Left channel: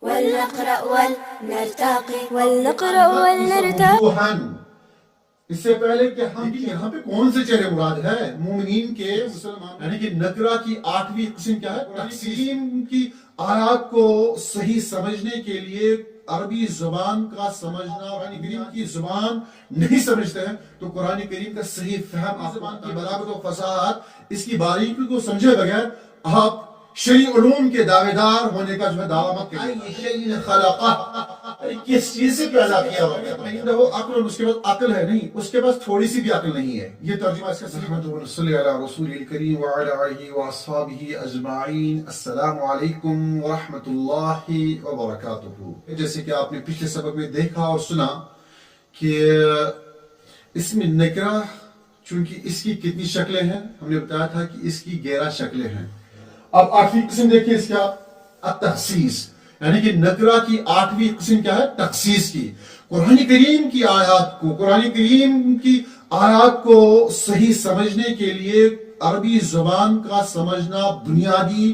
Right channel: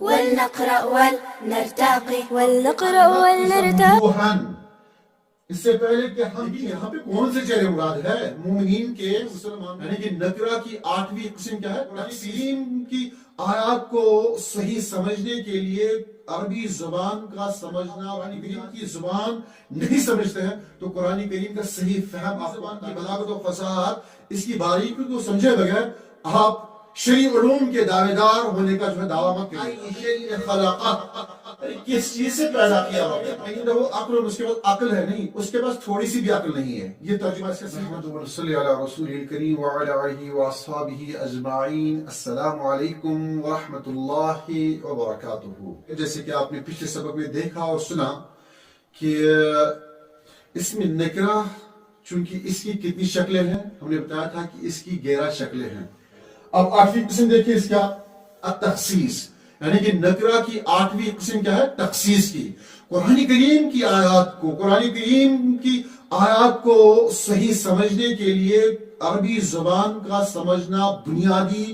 ولنقرأ ولنرتقي ولنقرأ ولنرتقي. اس سے پہلے کہ ہم یہاں پہ کون سے چہرے مراد ہے مومنین کے مسلمان، یعنی کہ نکرہ کی 8ویں قسم کیا ہے؟ تقسیم کی آیات کو صحیح سمجھنے کے لیے عربی زبان کا سمجھنا، قرآن کریم کی زبان نہیں سمجھتے ہیں تو قرآن کریم کا صحیح فہم، زبان کی بلاغت و فصاحت، اس کی باریکی کو سمجھے بغیر آپ شرعی علوم کے دعوے دار ہونے کا جو ہے دعویٰ مت کریے. کس چیز سے پیدا کیا ہوا وہ عقل، اور اس کے بعد عقل ہے نہیں، اس کے پاس تھوڑی سی بھی عقل نہیں ہے. یہ ترجمہ اس کا صحیح. صلی علی رسول الکریم وعلی آلہ واصحابہ اجمعین. السلام علیکم ورحمۃ اللہ وبرکاتہ. جیسے کہ آپ نے پچھلے سبق میں دیکھا اور سنا کہ اسم نکرہ چونکہ اس کی کتنی شکلیں ہیں، ہم نے بتایا تھا کہ اس کی 11 شکلیں ہیں. اب 8ویں قسم دیکھیں اس کا التخصیص، یعنی کہ نکرہ کی 8ویں قسم کیا ہے؟ تخصیص کی. قرآن کریم کی آیات کو، قرآن کریم کی آیات کو صحیح سمجھنے کے لیے عربی زبان کا سمجھنا بنیادی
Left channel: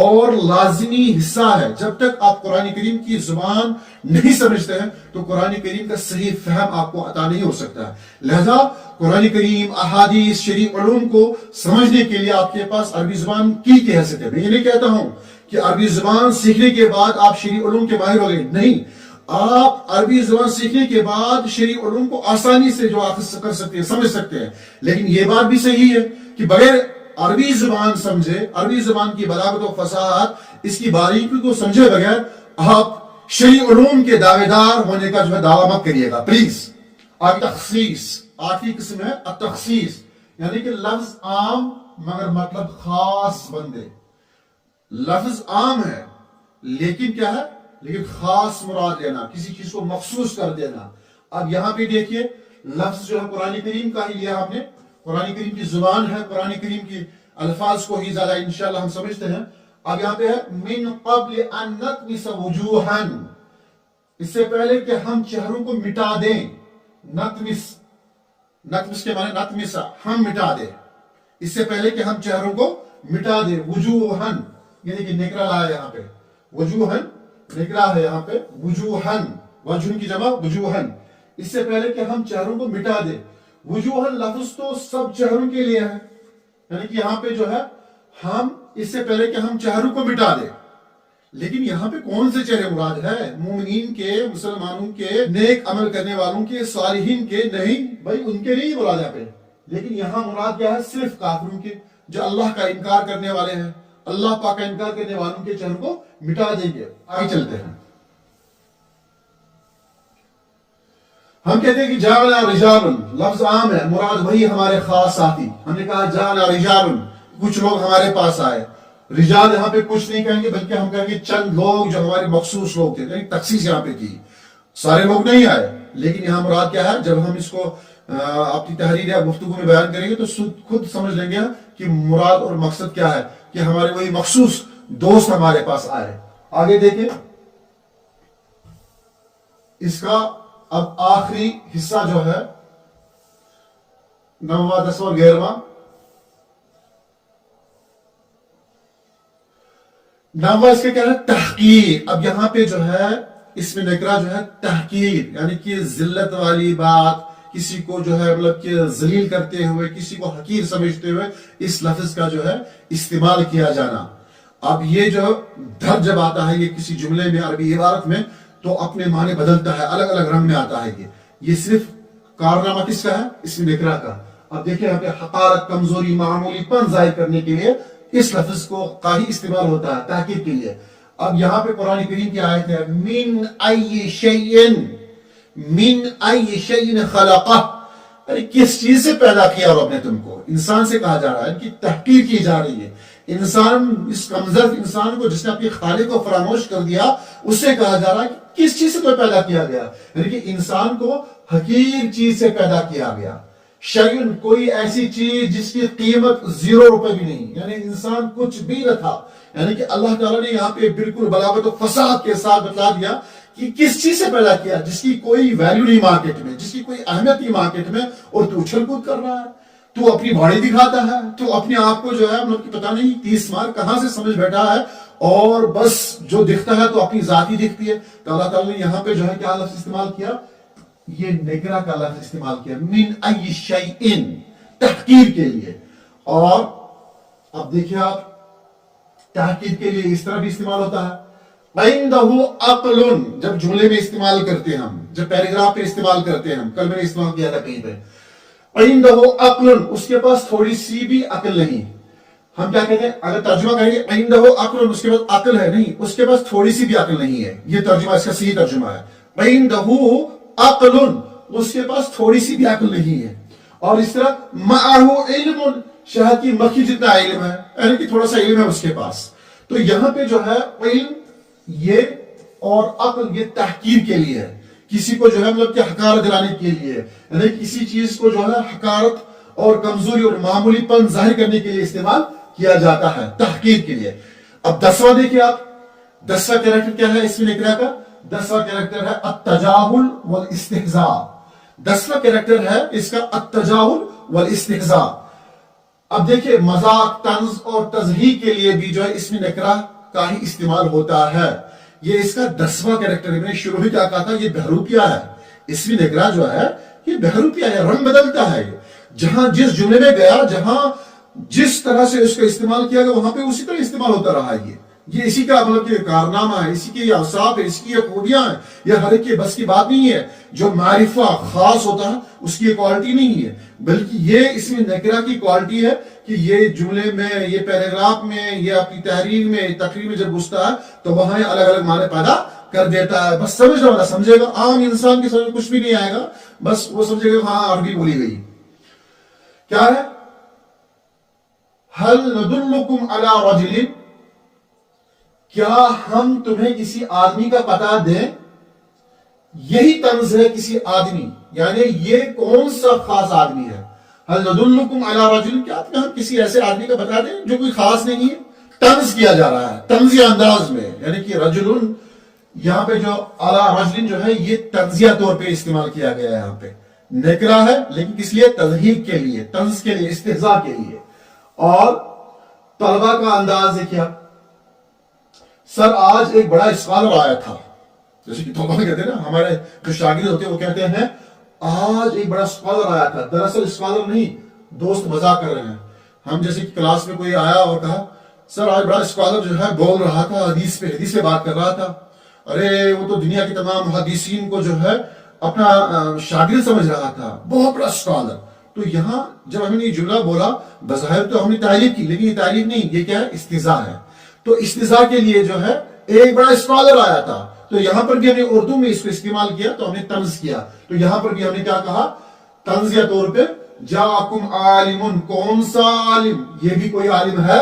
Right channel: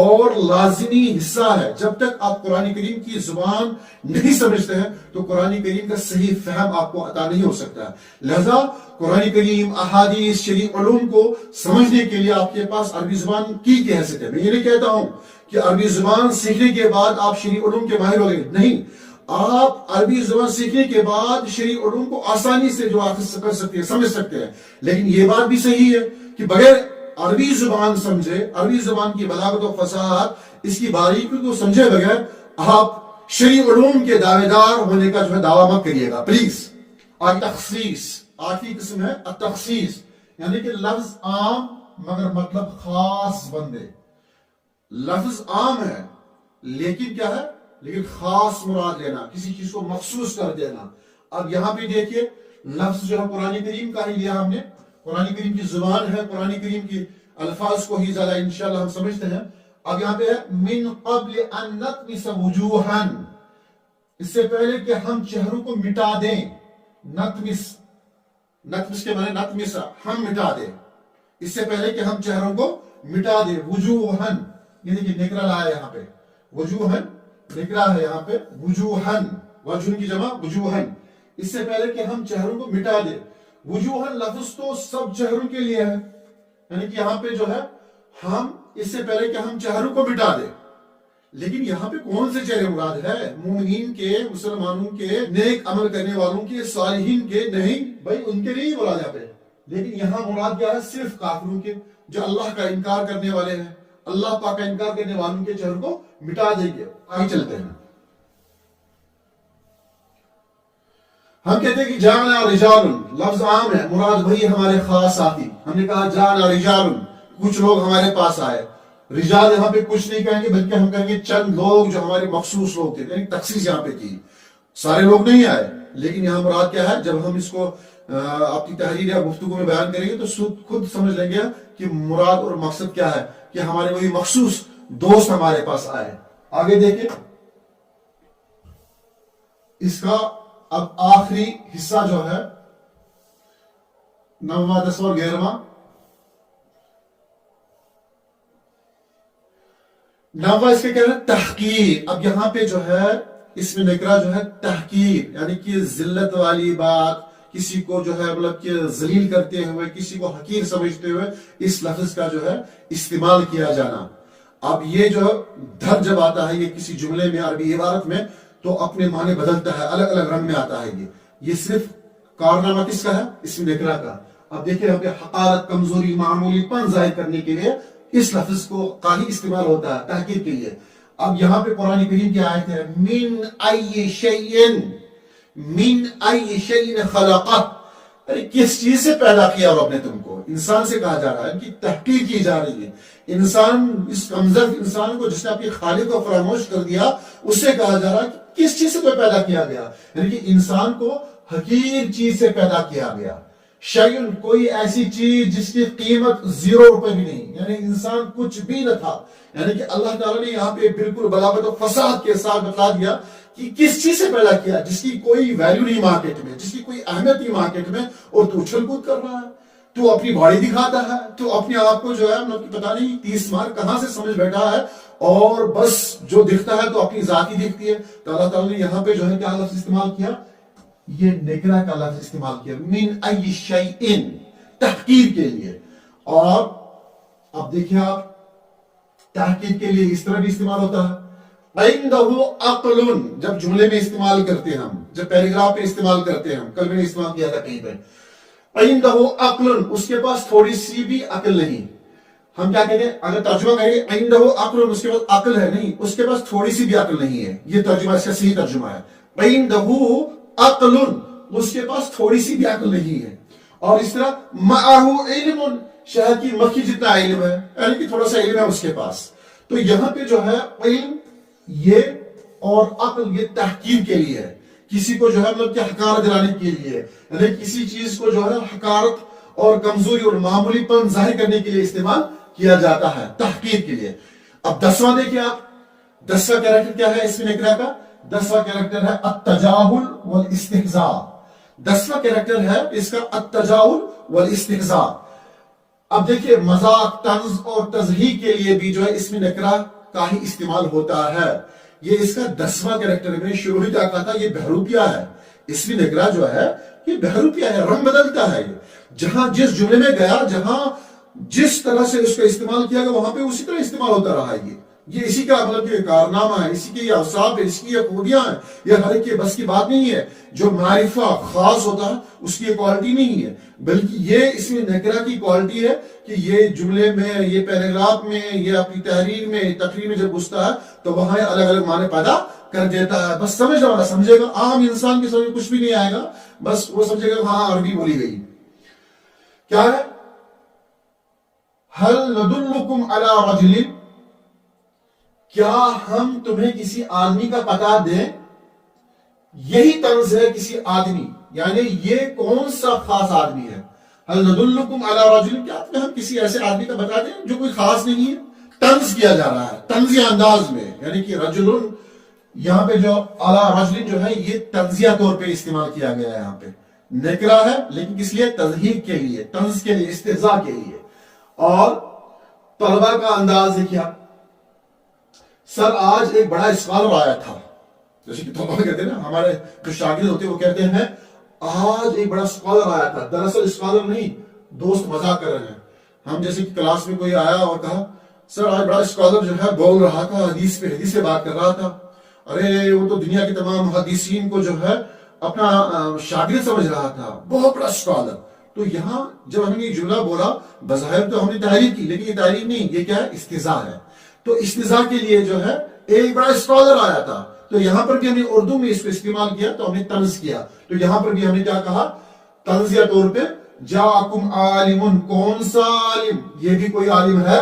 اور لازمی حصہ ہے. جب تک آپ قرآن کریم کی زبان نہیں سمجھتے ہیں تو قرآن کریم کا صحیح فہم آپ کو عطا نہیں ہو سکتا ہے. لہذا قرآن کریم، احادیث، شرعی علوم کو سمجھنے کے لیے آپ کے پاس عربی زبان کی حیثیت ہے. میں یہ نہیں کہتا ہوں کہ عربی زبان سیکھنے کے بعد آپ شرعی علوم کے ماہر ہو گئے، نہیں. آپ عربی زبان سیکھنے کے بعد شرعی علوم کو آسانی سے جو آپ کر سکتے ہیں، سمجھ سکتے ہیں. لیکن یہ بات بھی صحیح ہے کہ بغیر عربی زبان سمجھے، عربی زبان کی بلاغت و فصاحت، اس کی باریکی کو سمجھے بغیر آپ شرعی علوم کے دعوے دار ہونے کا جو ہے دعویٰ مت کریے گا پلیز. آگے تخصیص، 8ویں قسم ہے التخصیص، یعنی کہ لفظ عام مگر مطلب خاص بندے. لفظ عام ہے لیکن کیا ہے؟ لیکن خاص مراد لینا، کسی چیز کو مخصوص کر دینا. اب یہاں پہ دیکھیے لفظ جو ہے قرآن کریم کا ہی لیا ہم نے، قرآن کریم کی زبان ہے، قرآن کریم کی الفاظ کو ہی زیادہ انشاءاللہ ہم سمجھتے ہیں. اب یہاں پہ ہے من قبل ان نطمس وجوہا، اس سے پہلے کہ ہم چہروں کو مٹا دیں. نطمس، نطمس کے معنی نطمس، ہم مٹا دیں. اس سے پہلے کہ ہم چہروں کو مٹا دیں. وجوہن یعنی کہ نکرہ لایا یہاں پہ، وجوہن نکرہ ہے یہاں پہ، وجوہن وجہن کی جمع وجوہن. اس سے پہلے کہ ہم چہروں کو مٹا دیں. وجوہن لفظ تو سب چہروں کے لیے ہے، یعنی کہ یہاں پہ جو ہے ہم اس سے پہلے کہ ہم چہروں کو مٹا دیں. لیکن یہاں پہ کون سے چہرے مراد ہے؟ مومنین کے، مسلمانوں کے، نیک عمل کرنے والوں کے، صالحین کے نہیں بھائی، ان کے لیے مراد یہاں پہ. لیکن یہاں مراد کیا ہے؟ صرف کافروں کے جو اللہ کا انکار کرنے والے ہیں. اللہ پاک کا انکار کرنے والوں کے چہروں کو مٹا دیں گے. آگے چلتے ہیں. ہم کہتے ہیں کہ جانا رجال، لفظ عام ہے، مراد وہی ہمارے خاص ساتھی. ہم نے کہا جانا رجال، کچھ لوگ ہمارے پاس آئے. رجال یہاں پہ کچھ نہیں کہیں گے بلکہ ہم کہیں گے چند لوگ جو ہمارے مخصوص لوگ تھے. یعنی تخصیص یہاں پہ کی، سارے لوگ نہیں آئے. لیکن یہاں مراد کیا ہے؟ جب ہم اس کو اپنی تحریر یا گفتگو میں بیان کریں گے تو خود سمجھ لیں گے کہ مراد اور مقصد کیا ہے، کہ ہمارے وہی مخصوص دوست ہمارے پاس آئے. آگے دیکھیں اس کا اب آخری حصہ جو ہے 9واں 10واں 11واں. 9واں اس کا کیا ہے؟ تحقیر. اب یہاں پہ جو ہے اس میں نکرہ جو ہے تحقیر، یعنی کہ ذلت والی بات، کسی کو جو ہے مطلب کہ ذلیل کرتے ہوئے، کسی کو حقیر سمجھتے ہوئے اس لفظ کا جو ہے استعمال کیا جانا. اب یہ جو در جب آتا ہے یہ کسی جملے میں، عربی عبارت میں، تو اپنے معنی بدلتا ہے، الگ الگ رنگ میں آتا ہے. یہ صرف کارنامہ کس کا ہے؟ اس میں نکرہ کا. اب دیکھیں یہاں پہ حقارت، کمزوری، معمولی پن ظاہر کرنے کے لیے اس لفظ کو کا ہی استعمال ہوتا ہے تحقیر کے لیے. اب یہاں پہ قرآن کریم کی آیت ہے من ای شیئن، من ای شیئن خلقہ، کس چیز سے پیدا کیا رب نے تم کو. انسان سے کہا جا رہا ہے، ان کی تحقیر کی جا رہی ہے. انسان، اس کمزور انسان کو جس نے اپنے خالق کو فراموش کر دیا، اس سے کہا جا رہا ہے کہ کس چیز سے تو پیدا کیا گیا، یعنی کہ انسان کو حقیر چیز سے پیدا کیا گیا. شیئن کوئی ایسی چیز جس کی قیمت 0 روپے بھی نہیں، یعنی انسان کچھ بھی نہ تھا. یعنی کہ اللہ تعالیٰ نے یہاں پہ بالکل بلاغت و فصاحت کے ساتھ بتا دیا کہ کس چیز سے پیدا کیا، جس کی کوئی ویلیو نہیں مارکیٹ میں، جس کی کوئی اہمیت نہیں مارکیٹ میں، اور تو اچھل کود کر رہا ہے، تو اپنی باڑی دکھاتا ہے، تو اپنے آپ کو جو ہے مطلب کہ پتہ نہیں 30 مار کہاں سے سمجھ بیٹھا ہے اور بس جو دکھتا ہے تو اپنی ذاتی دکھتی ہے. تو اللہ تعالیٰ نے یہاں پہ جو ہے کیا لفظ استعمال کیا؟ یہ نکرہ کا لفظ استعمال کیا, من ای شیئن, تحقیر کے لیے. اور اب دیکھیں آپ, تحقیر کے لیے اس طرح بھی استعمال ہوتا ہے. عندہ عقل, جب جملے میں استعمال کرتے ہیں ہم, جب پیراگراف میں استعمال کرتے ہیں ہم, کل میں نے استعمال کیا تھا کہیں پہ, عندہ عقل, اس کے پاس تھوڑی سی بھی عقل نہیں. ہم کیا کہیں گے اگر ترجمہ کریں گے عندہ عقل, اس کے پاس عقل ہے نہیں, اس کے پاس تھوڑی سی بھی عقل نہیں ہے. یہ ترجمہ, اس کا صحیح ترجمہ ہے. عندہ عقل, اس کے پاس تھوڑی سی بھی عقل نہیں ہے. اور اس طرح معہ علم, شہد کی مکھی جتنا علم ہے, یعنی کہ تھوڑا سا علم ہے اس کے پاس. تو یہاں پہ جو ہے علم یہ اور عقل یہ تحقیر کے لیے ہے, کسی کو جو ہے مطلب کہ حقارت دلانے کے لیے, یعنی کسی چیز کو جو ہے حقارت اور کمزوری اور معمولی پن ظاہر کرنے کے لیے استعمال کیا جاتا ہے, تحقیر کے لیے. اب 10واں دیکھیں آپ, 10واں کریکٹر کیا ہے اس میں نکرہ کا؟ 10واں کریکٹر ہے التجاہل والاستہزاء. 10واں کریکٹر ہے اس کا التجاہل والاستہزاء. اب دیکھیں مذاق, طنز اور تضحیک کے لیے بھی جو ہے اس میں نکرہ کا ہی استعمال ہوتا ہے. یہ اس کا 10واں کریکٹر ہے. میں نے شروع میں کیا کہا تھا, یہ بہروپیہ ہے. اس میں نکرہ جو ہے یہ بہروپیہ ہے, رنگ بدلتا ہے. یہ جہاں جس جملے میں گیا, جہاں جس طرح سے اس کا استعمال کیا گیا, وہاں پہ اسی طرح استعمال ہوتا رہا. یہ اسی کا مطلب کہ کارنامہ ہے, اسی کے یہ اوصاف ہے, اس کی یہ خوبیاں ہیں. یہ ہر ایک کے بس کی بات نہیں ہے. جو معرفہ خاص ہوتا ہے اس کی یہ کوالٹی نہیں ہے, بلکہ یہ اس میں نکرہ کی کوالٹی ہے کہ یہ جملے میں, یہ پیراگراف میں, یہ اپنی تحریر میں, تقریر میں جب گھستا ہے تو وہاں یہ الگ الگ معنی پیدا کر دیتا ہے. بس سمجھنے والا سمجھے گا, عام انسان کی سمجھ کچھ بھی نہیں آئے گا, بس وہ سمجھے گا ہاں عربی بولی گئی. کیا ہے؟ هل ندلکم علی رجل, کیا ہم تمہیں کسی آدمی کا پتہ دیں؟ یہی طنز ہے کسی آدمی, یعنی یہ کون سا خاص آدمی ہے. هل ندلکم علی رجل, کیا ہم کسی ایسے آدمی کا بتا دیں جو کوئی خاص نہیں ہے. طنز کیا جا رہا ہے, طنزی انداز میں, یعنی کہ رجل, یہاں پہ جو علی رجل جو ہے یہ طنزیہ طور پہ استعمال کیا گیا ہے. یہاں پہ نکرہ ہے لیکن کس لیے؟ تضحیک کے لیے, طنز کے لیے, استہزاء کے لیے. اور طلبہ کا انداز ہے کیا؟ سر آج ایک بڑا اسکالر آیا تھا, جیسے کہ طلبہ کہتے ہیں نا, ہمارے جو شاگرد ہوتے ہیں وہ کہتے ہیں آج ایک بڑا اسکالر آیا تھا. دراصل اسکالر نہیں, دوست مذاق کر رہے ہیں. ہم جیسے کہ کلاس میں کوئی آیا اور کہا سر آج بڑا اسکالر جو ہے بول رہا تھا, حدیث پہ بات کر رہا تھا. ارے وہ تو دنیا کے تمام محدثین کو جو ہے اپنا شاگرد سمجھ رہا تھا, بہت بڑا اسکالر. تو یہاں جب ہم نے یہ جملہ بولا, بظاہر تو ہم نے تعریف کی, لیکن یہ تعریف نہیں, یہ کیا ہے؟ استہزاء ہے. تو استہزاء کے لیے جو ہے ایک بڑا اسکالر آیا تھا, تو یہاں پر بھی ہم نے اردو میں اس کو استعمال کیا, تو ہم نے طنز کیا. تو یہاں پر بھی ہم نے کیا کہا طنزیہ طور پہ, جاءکم عالم, کون سا عالم؟ یہ بھی کوئی عالم ہے.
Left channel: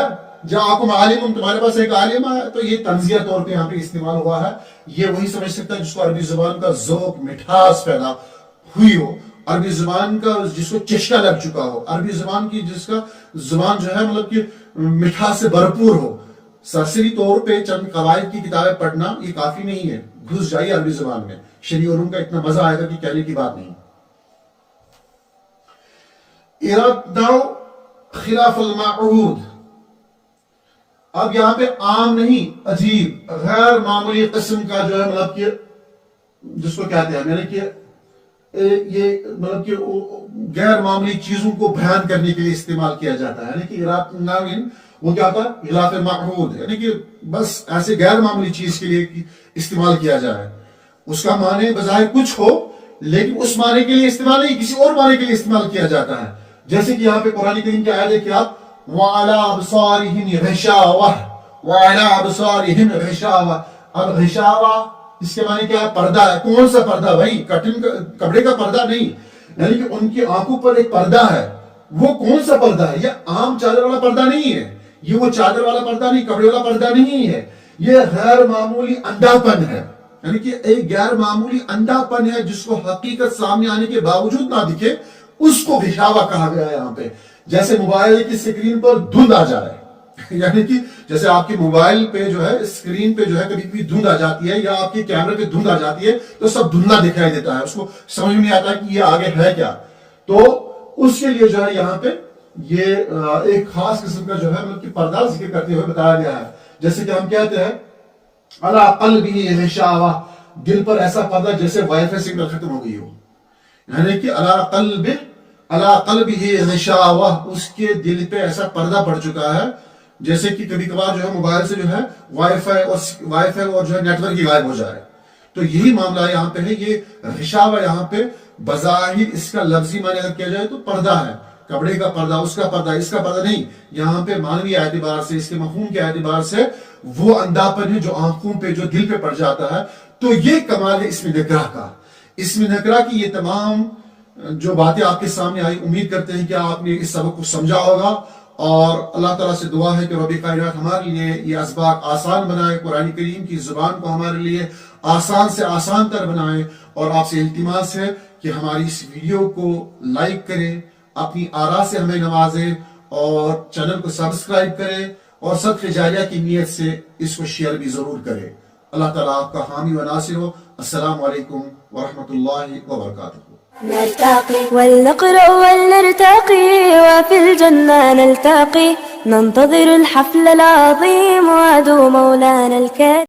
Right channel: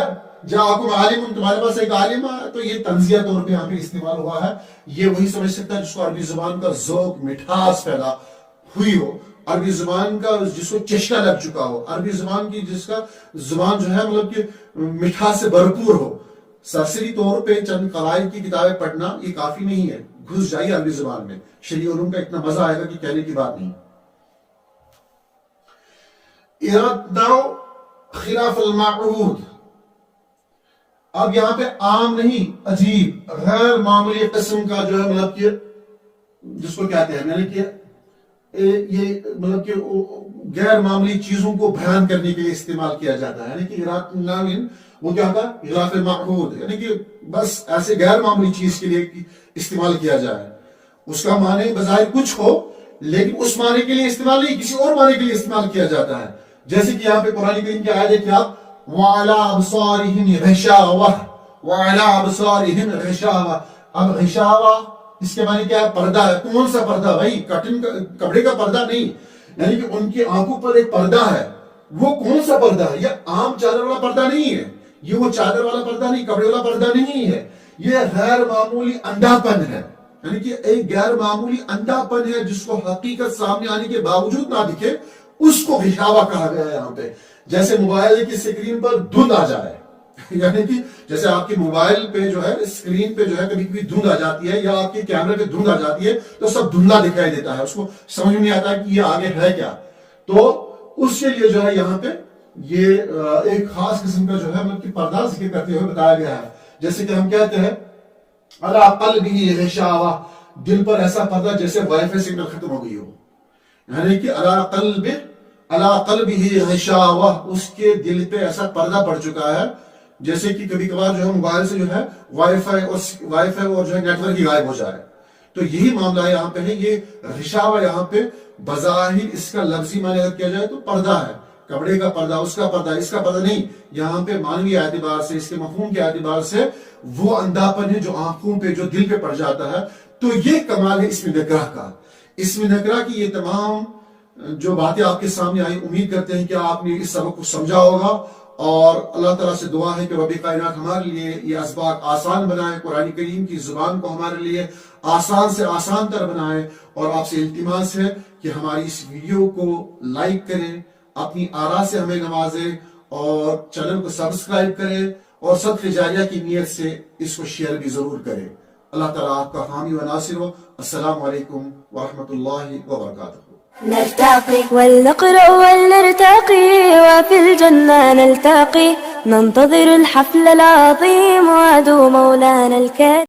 جاءکم عالم, تمہارے پاس ایک عالم آیا. تو یہ طنزیہ طور پہ یہاں پہ استعمال ہوا ہے. یہ وہی سمجھ سکتا ہے جس کو عربی زبان کا ذوق, مٹھاس پیدا ہوئی ہو, عربی زبان کا جس کو چشکا لگ چکا ہو, عربی زبان کی جس کا زبان جو ہے مطلب کہ مٹھاس سے بھرپور ہو. سرسری طور پہ چند قواعد کی کتابیں پڑھنا یہ کافی نہیں ہے, گھس جائیے عربی زبان میں, شرعی علوم کا اتنا مزہ آئے گا کہ کہنے کی بات نہیں. ارادہ خلاف المعہود, اب یہاں پہ عام نہیں, عجیب غیر معمولی قسم کا جو ہے مطلب کہ جس کو کہتے ہیں, یعنی کہ یہ مطلب کہ غیر معمولی چیزوں کو بیان کرنے کے لیے استعمال کیا جاتا ہے. یعنی کہ ارادہ وہ کیا تھا؟ خلاف المعہود, یعنی کہ بس ایسے غیر معمولی چیز کے لیے استعمال کیا جائے. اس کا معنی بظاہر کچھ ہو لیکن اس معنی کے لیے استعمال نہیں, کسی اور معنی کے لیے استعمال کیا جاتا ہے. جیسے کہ یہاں پہ قرآن کریم کی آیت ہے کہ آپ وَعَلَىٰ أَبْصَارِهِمْ غِشَاوَةٌ وَعَلَىٰ أَبْصَارِهِمْ غِشَاوَةٌ. اب غشاوہ اس کے معنی کیا ہے؟ پردہ ہے. کون سا پردہ بھائی؟ کپڑے کا پردہ نہیں, یعنی کہ ان کی آنکھوں پر ایک پردہ ہے. وہ کون سا پردہ ہے؟ یہ عام چادر والا پردہ نہیں ہے, یہ وہ چادر والا پردہ نہیں, کپڑے والا پردہ نہیں ہے. یہ غیر معمولی اندھا پن ہے, یعنی کہ ایک غیر معمولی اندھا پن ہے جس کو حقیقت سامنے آنے کے باوجود نہ دکھے, اس کو غشاوہ کہا گیا ہے یہاں پہ. جیسے موبائل کی اسکرین پر دھند آ جائے, یعنی کہ جیسے آپ کی موبائل پہ جو ہے اسکرین پہ جو ہے کبھی کبھی دھند آ جاتی ہے, یا آپ کے کیمرے پہ دھند آ جاتی ہے, تو سب دھندلا دکھائی دیتا ہے, اس کو سمجھ میں نہیں آتا کہ یہ آگے ہے کیا. تو اس کے لیے جو ہے یہاں پہ یہ ایک خاص قسم کا جو ہے مطلب کہ پردہ ذکر کرتے ہوئے بتایا گیا ہے. جیسے کہ ہم کہتے ہیں علی قلبہ غشاوہ، دل پر ایسا پردہ جیسے وائی فائی سگنل ختم ہو گئی ہو، یعنی کہ علی قلبہ غشاوہ، اس کے دل پہ ایسا پردہ پڑ چکا ہے جیسے کہ کبھی کبھار جو ہے موبائل سے جو ہے وائی فائی اور جو ہے نیٹ ورک ہی غائب ہو جا رہا ہے. تو یہی معاملہ یہاں پہ ہے. یہ غشاوہ یہاں پہ بظاہر اس کا لفظی معنی اگر کیا جائے تو پردہ ہے، کپڑے کا پردہ، اس کا پردہ، اس کا پردہ نہیں. یہاں پہ معنوی اعتبار سے، اس کے مفہوم کے اعتبار سے وہ اندھاپن ہے جو آنکھوں پہ، جو دل پہ پڑ جاتا ہے. تو یہ کمال ہے اسم نکرہ کا. اسم نکرہ کی یہ تمام جو باتیں آپ کے سامنے آئی، امید کرتے ہیں کہ آپ نے اس سبق کو سمجھا ہوگا، اور اللہ تعالیٰ سے دعا ہے کہ رب کائنات ہمارے لیے یہ اسباق آسان بنائے، قرآن کریم کی زبان کو ہمارے لیے آسان سے آسان تر بنائے. اور آپ سے التماس ہے کہ ہماری اس ویڈیو کو لائک کریں، اپنی آراء سے ہمیں نوازے، اور چینل کو سبسکرائب کریں، اور صدقہ جاریہ کی نیت سے اس کو شیئر بھی ضرور کریں. اللہ تعالیٰ آپ کا حامی و ناصر ہو. السلام علیکم ورحمۃ اللہ وبرکاتہ. نرتقي ولنقرأ ولنرتقي وفي الجنة نلتقي ننتظر الحفل العظيم وعدو مولانا الكريم.